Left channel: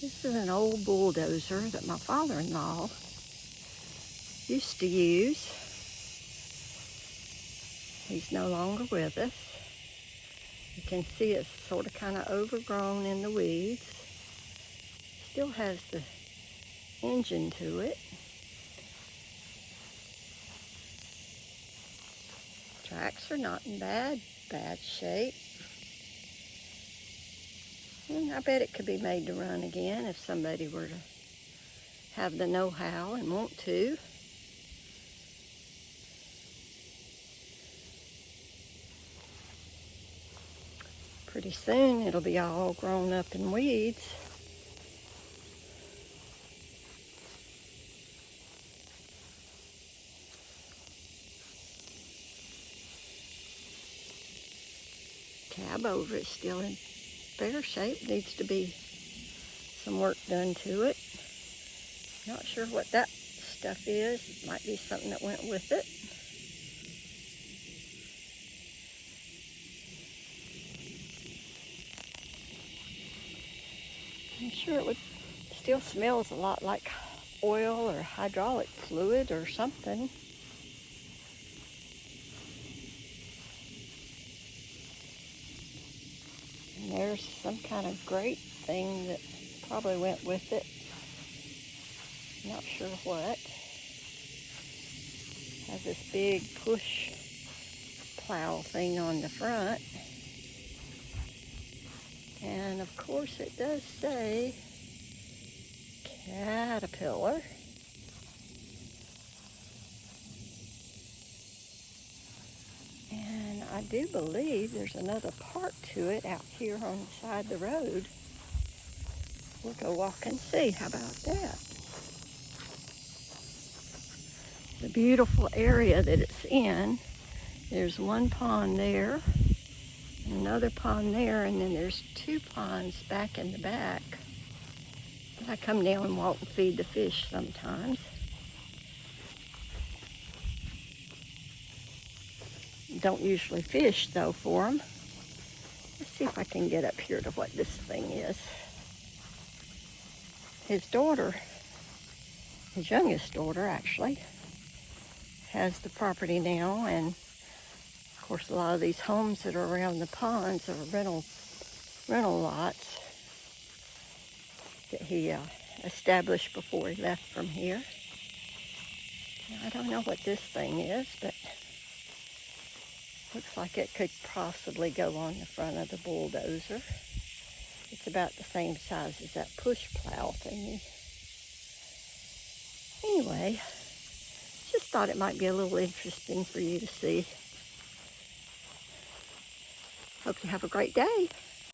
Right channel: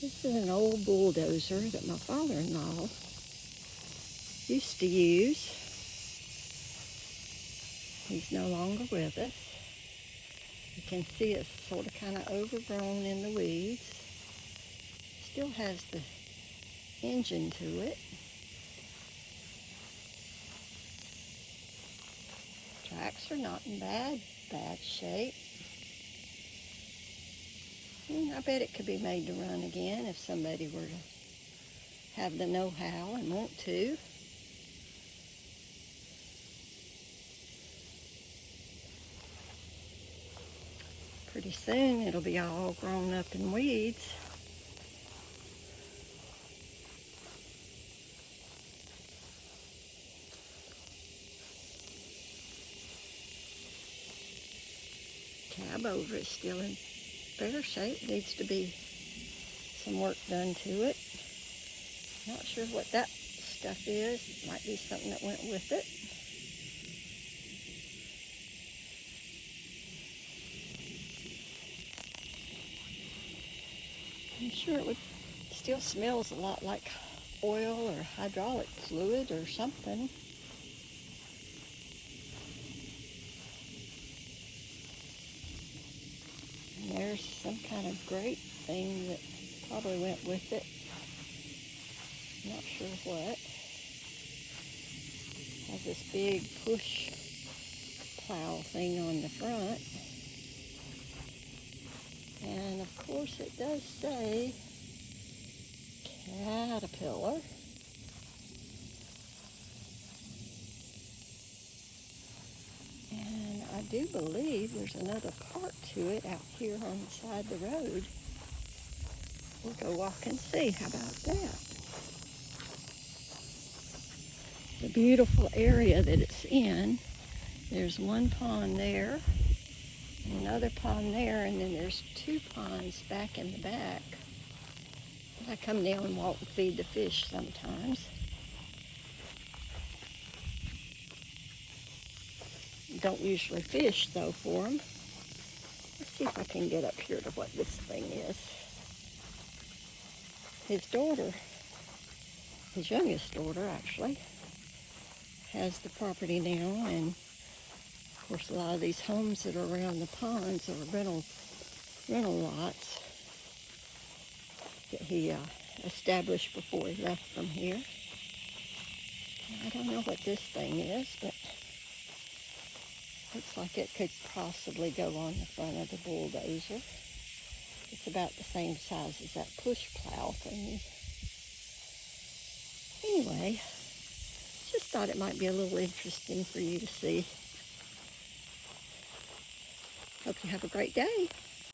This is an old bulldozer that my father-in-law used to use. He's no longer with us. You can see it's sort of kind of overgrown in the weeds. Still has the engine to it. Tracks are not in bad shape. And I bet it could be made to run again if somebody were to have the know-how and want to. Pretty soon it'll be all grown up in weeds. Tab over it's still in fair shape. Needs to be some work done to it. Not sure what that stuff is. It might be something that went with it. I'm sure it would still smells a lot like oil or hydraulic fluid or something. And there's some kind of grate thing that probably went with it. Not sure what. Has this big push plow thing on the front. And of course it does say Caterpillar. And I do believe there's another part to it out here on the side of the road. We'll go walk and see. How about that? The beautiful area that it's in. There's one pond there, another pond there, and then there's two ponds back in the back. I come down and walk and feed the fish sometimes. Don't usually fish though for them. Let's see if I can get up here to what this thing is. His daughter, his youngest daughter actually, has the property now, and of course a lot of these homes that are around the ponds are rental lots that he established before he left from here. I don't know what this thing is, but looks like it could possibly go on the front of the bulldozer. It's about the same size as that push plow thing. Anyway, just thought it might be a little interesting for you to see. Hope you have a great day.